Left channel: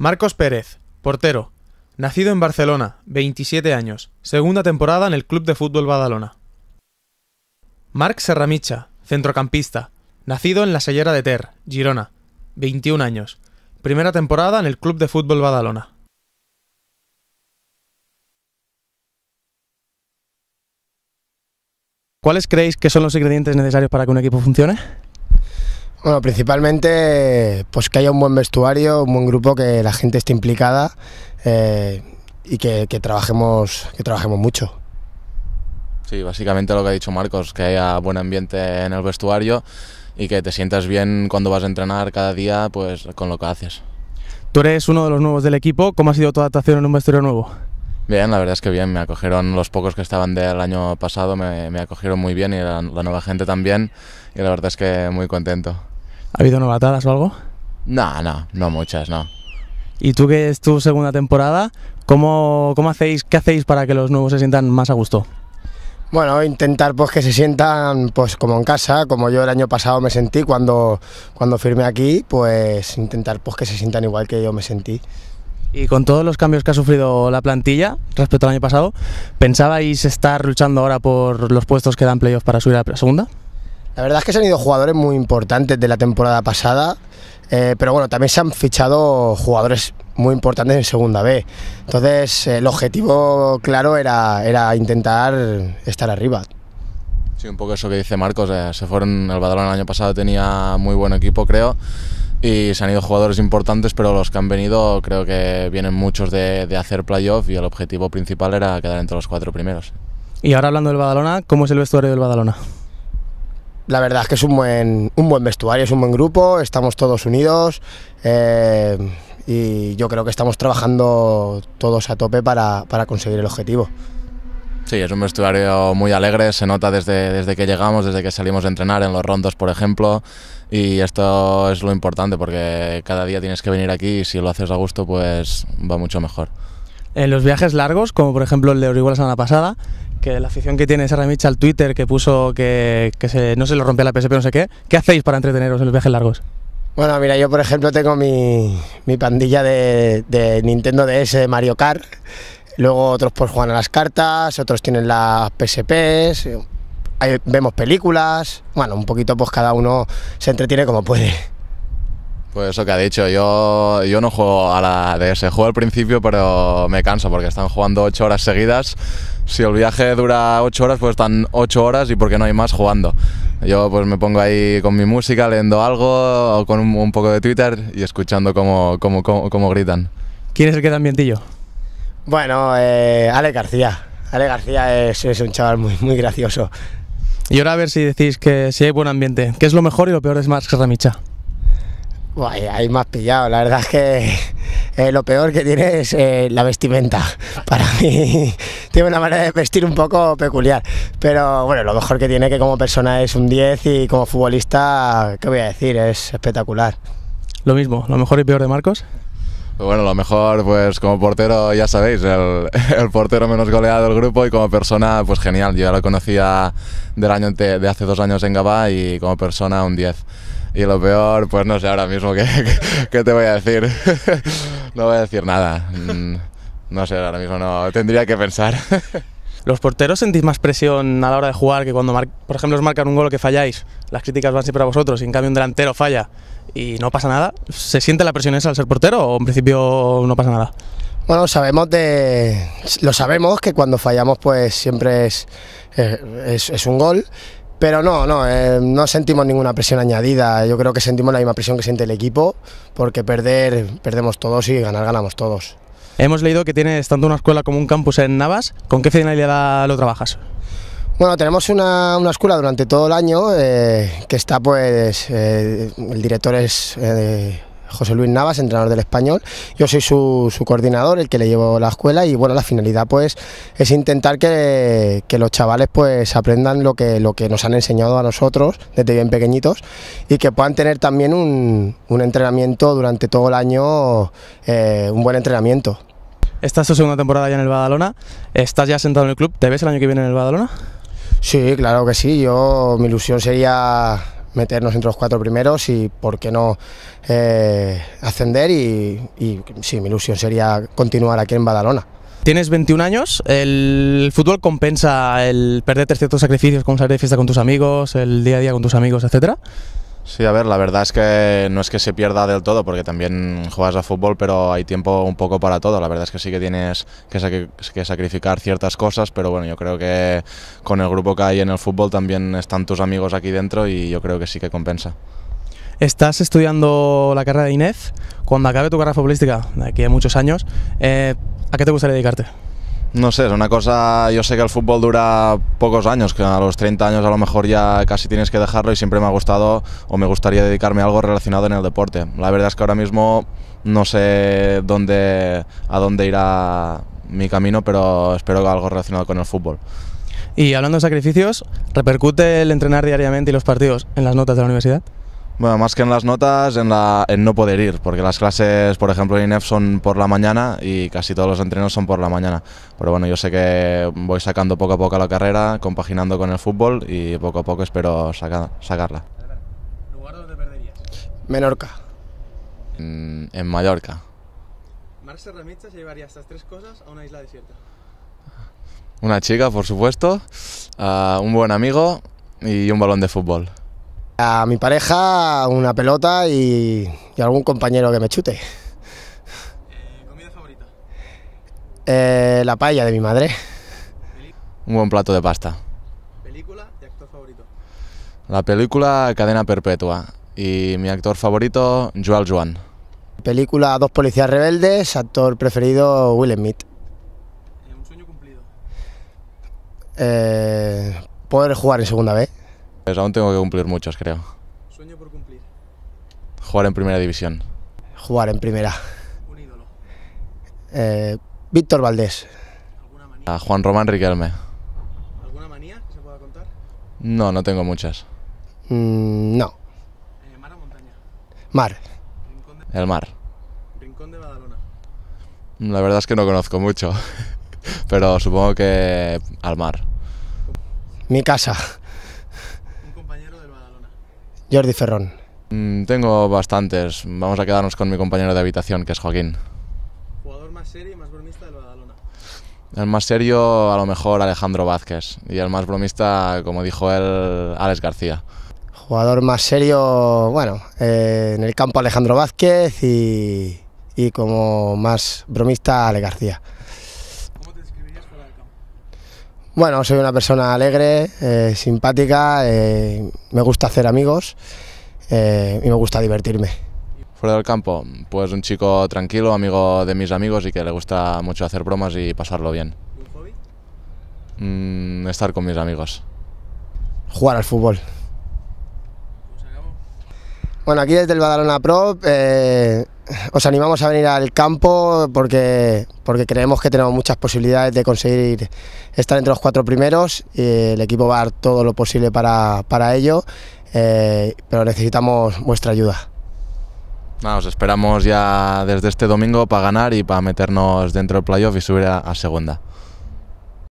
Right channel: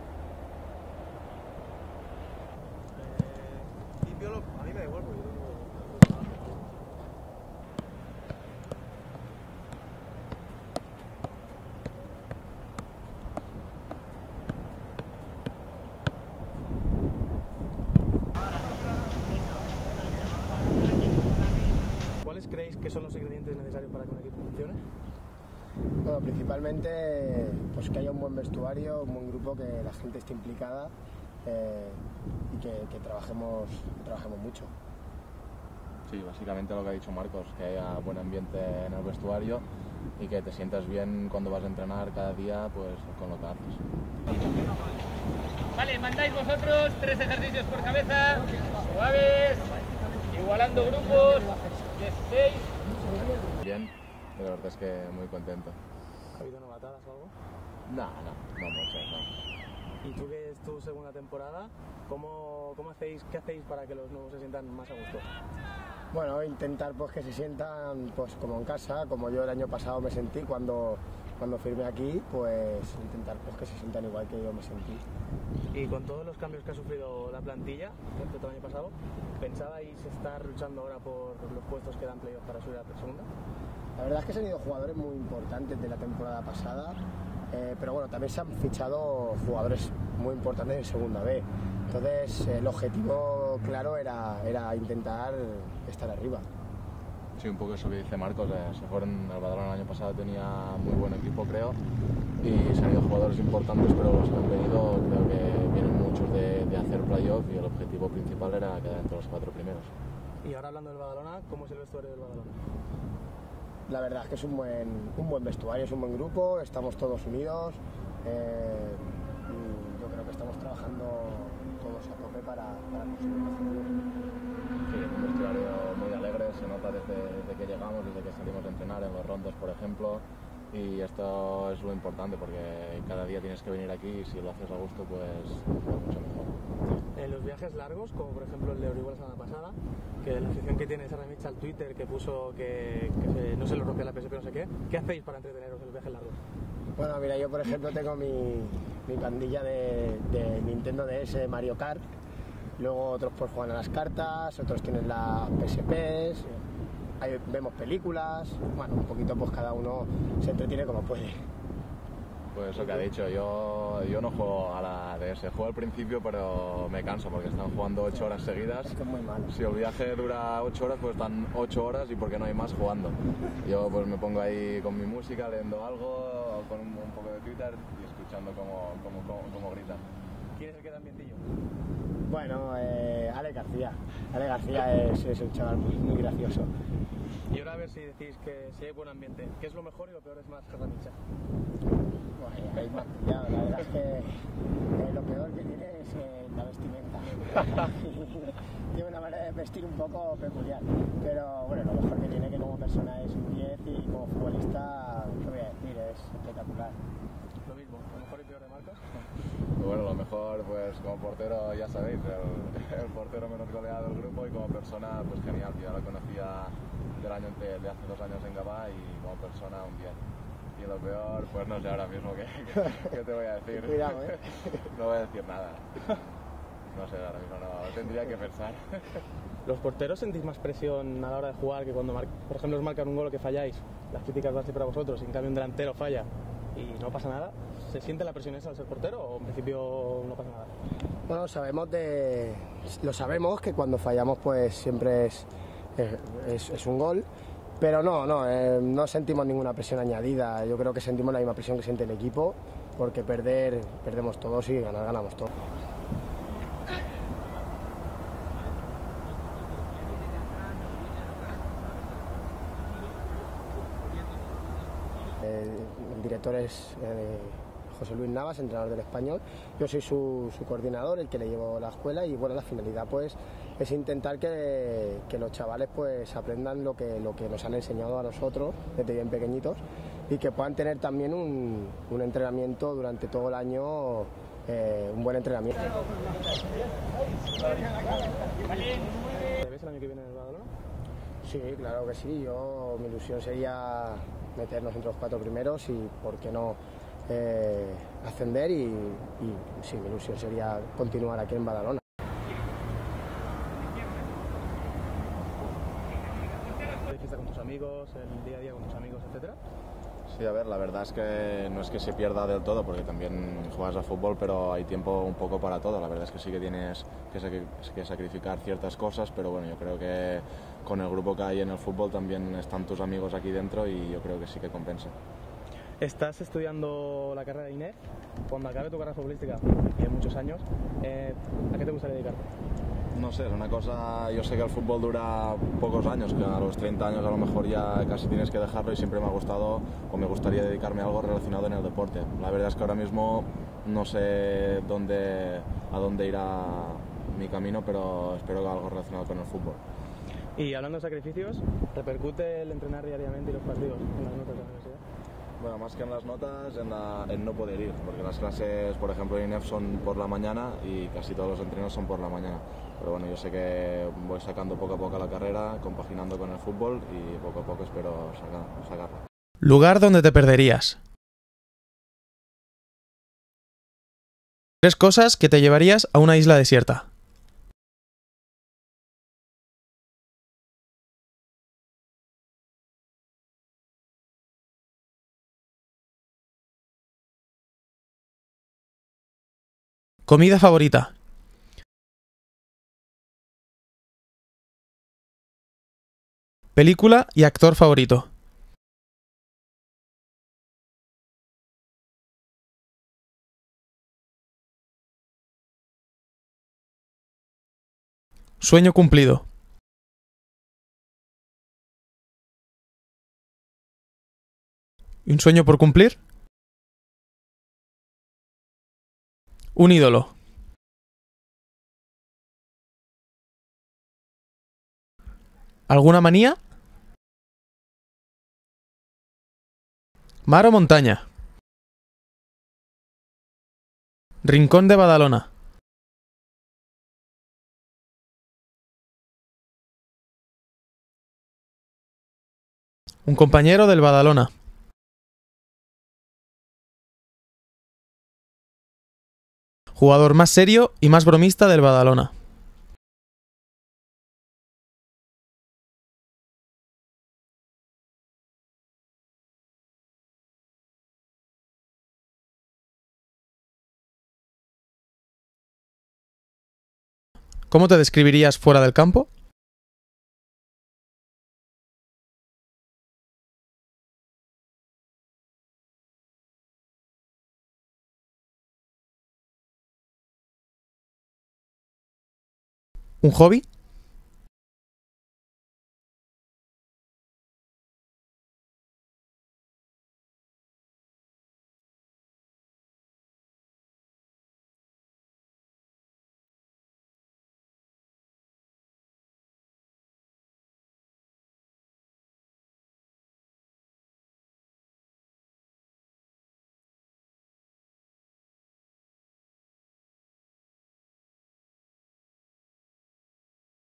Marcos Pérez, portero. Nacido en Barcelona, 27 años. Segunda temporada en el Club de Fútbol Badalona. Marc Serramitxa, centrocampista. Nacido en la Cellera de Ter, Girona, 21 años. Primera temporada en el Club de Fútbol Badalona. ¿Cuáles creéis que son los ingredientes necesarios para que un equipo funcione? Bueno, principalmente pues que haya un buen vestuario, un buen grupo, que la gente esté implicada y que trabajemos mucho. Sí, básicamente lo que ha dicho Marcos, que haya buen ambiente en el vestuario y que te sientas bien cuando vas a entrenar cada día pues con lo que haces. Tú eres uno de los nuevos del equipo. ¿Cómo ha sido tu adaptación en un vestuario nuevo? Bien, la verdad es que bien, me acogieron los pocos que estaban del año pasado, me acogieron muy bien y la nueva gente también, y la verdad es que muy contento. ¿Ha habido novatadas o algo? No muchas, no. ¿Y tú, que es tu segunda temporada, qué hacéis para que los nuevos se sientan más a gusto? Bueno, intentar pues que se sientan pues como en casa, como yo el año pasado me sentí cuando firmé aquí, pues intentar pues que se sientan igual que yo me sentí. Y con todos los cambios que ha sufrido la plantilla respecto al año pasado, ¿pensabais estar luchando ahora por los puestos que dan playoff para subir a la segunda? La verdad es que se han ido jugadores muy importantes de la temporada pasada, pero bueno, también se han fichado jugadores muy importantes en segunda B. Entonces el objetivo claro era intentar estar arriba. Sí, un poco eso que dice Marcos, se fueron, el Badalona el año pasado tenía muy buen equipo, creo, y se han ido jugadores importantes, pero los que han venido creo que vienen muchos de hacer playoff y el objetivo principal era quedar entre los 4 primeros. Y ahora, hablando del Badalona, ¿cómo es el vestuario del Badalona? La verdad es que es un buen vestuario, es un buen grupo, estamos todos unidos y yo creo que estamos trabajando todos a tope para conseguir el objetivo. Sí, es un vestuario muy alegre, se nota desde que llegamos, desde que salimos a entrenar en los rondos, por ejemplo, y esto es lo importante porque cada día tienes que venir aquí y si lo haces a gusto pues va mucho mejor. En los viajes largos, como por ejemplo el de Orihuela la semana pasada, que la afición que tiene Serramitxa al Twitter, que puso que no se lo rompía la PSP, no sé qué hacéis para entreteneros en los viajes largos? Bueno, mira, yo por ejemplo tengo mi pandilla de Nintendo DS de Mario Kart, luego otros pues juegan a las cartas, otros tienen las PSPs, ahí vemos películas, bueno, un poquito pues cada uno se entretiene como puede. Pues eso que ha dicho, yo no juego a la DS, juego al principio pero me canso porque están jugando 8 horas seguidas. Si el viaje dura 8 horas, pues están 8 horas y porque no hay más jugando. Yo pues me pongo ahí con mi música, leyendo algo, o con un poco de Twitter y escuchando cómo gritan. ¿Quién es el que da ambientillo? Bueno, Ale García. Ale García es un chaval muy gracioso. Y ahora a ver si decís que si hay buen ambiente. ¿Qué es lo mejor y lo peor de Marc Serramitxa? Ahí me has pillado, la verdad es que lo peor que tiene es la vestimenta. Para mí tiene una manera de vestir un poco peculiar, pero bueno, lo mejor que tiene, que como persona es un 10 y como futbolista, ¿qué voy a decir? Es espectacular. Lo mismo, lo mejor y peor de Marcos. Bueno, lo mejor pues como portero ya sabéis, el portero menos goleado del grupo, y como persona pues genial, yo ya lo conocía de hace 2 años en Gavà y como persona un 10. Y lo peor, pues no sé ahora mismo qué te voy a decir. No voy a decir nada. No sé, ahora mismo no, tendría que pensar. ¿Los porteros sentís más presión a la hora de jugar que cuando, por ejemplo, os marcan un gol que falláis? Las críticas van siempre a vosotros y en cambio un delantero falla y no pasa nada. ¿Se siente la presión esa al ser portero o en principio no pasa nada? Bueno, lo sabemos que cuando fallamos pues siempre es un gol. Pero no sentimos ninguna presión añadida, yo creo que sentimos la misma presión que siente el equipo, porque perdemos todos y ganar ganamos todos. Hemos leído que tienes tanto una escuela como un campus en Navas. ¿Con qué finalidad lo trabajas? Bueno, tenemos una escuela durante todo el año que está pues, el director es José Luis Navas, entrenador del Español. Yo soy su coordinador, el que le llevo la escuela, y bueno, la finalidad pues es intentar que los chavales pues aprendan lo que nos han enseñado a nosotros desde bien pequeñitos y que puedan tener también un entrenamiento durante todo el año, un buen entrenamiento. Esta es tu segunda temporada ya en el Badalona, estás ya sentado en el club, ¿te ves el año que viene en el Badalona? Sí, claro que sí, mi ilusión sería meternos entre los 4 primeros y por qué no ascender y sí, mi ilusión sería continuar aquí en Badalona. Tienes 21 años, ¿el fútbol compensa el perderte ciertos sacrificios, como salir de fiesta con tus amigos, el día a día con tus amigos, etcétera? Sí, a ver, la verdad es que no es que se pierda del todo, porque también juegas a fútbol, pero hay tiempo un poco para todo. La verdad es que sí que tienes que sacrificar ciertas cosas, pero bueno, yo creo que con el grupo que hay en el fútbol también están tus amigos aquí dentro y yo creo que sí que compensa. Estás estudiando la carrera de INEF. Cuando acabe tu carrera futbolística, de aquí a muchos años, ¿a qué te gustaría dedicarte? No sé, es una cosa, yo sé que el fútbol dura pocos años, que a los 30 años a lo mejor ya casi tienes que dejarlo y siempre me ha gustado o me gustaría dedicarme a algo relacionado en el deporte. La verdad es que ahora mismo no sé a dónde irá mi camino, pero espero que algo relacionado con el fútbol. Y hablando de sacrificios, ¿repercute el entrenar diariamente y los partidos en las notas de la universidad? Bueno, más que en las notas, en no poder ir, porque las clases, por ejemplo, en INEF son por la mañana y casi todos los entrenos son por la mañana. Pero bueno, yo sé que voy sacando poco a poco la carrera, compaginando con el fútbol y poco a poco espero sacarla. ¿Lugar donde te perderías? Menorca. En Mallorca. 3 cosas que te llevarías a una isla desierta. Una chica, por supuesto, un buen amigo y un balón de fútbol. A mi pareja, una pelota y algún compañero que me chute. ¿Comida favorita? La paella de mi madre. Un buen plato de pasta. ¿Película y actor favorito? La película Cadena Perpetua y mi actor favorito, Joel Joan. Película Dos policías rebeldes, actor preferido Will Smith. ¿Sueño cumplido? Poder jugar en segunda B. Pues aún tengo que cumplir muchos, creo. ¿Y un sueño por cumplir? Jugar en primera división. Jugar en primera. ¿Un ídolo? Víctor Valdés. A Juan Román Riquelme. ¿Alguna manía? No, no tengo muchas. No. ¿Mar o montaña? Mar. El mar. ¿Rincón de Badalona? La verdad es que no conozco mucho, pero supongo que al mar. Mi casa. ¿Un compañero del Badalona? Jordi Ferrón. Tengo bastantes. Vamos a quedarnos con mi compañero de habitación, que es Joaquín. ¿Jugador más serio y más bromista del Badalona? El más serio, a lo mejor, Alejandro Vázquez. Y el más bromista, como dijo él, Alex García. Jugador más serio, bueno, en el campo Alejandro Vázquez y como más bromista Ale García. ¿Cómo te describirías fuera del campo? Bueno, soy una persona alegre, simpática, me gusta hacer amigos y me gusta divertirme. Fuera del campo, pues un chico tranquilo, amigo de mis amigos y que le gusta mucho hacer bromas y pasarlo bien. ¿Un hobby? Estar con mis amigos. Jugar al fútbol. Bueno, aquí desde el Badalona Pro os animamos a venir al campo porque creemos que tenemos muchas posibilidades de conseguir estar entre los 4 primeros y el equipo va a dar todo lo posible para ello, pero necesitamos vuestra ayuda. Os esperamos ya desde este domingo para ganar y para meternos dentro del playoff y subir a segunda.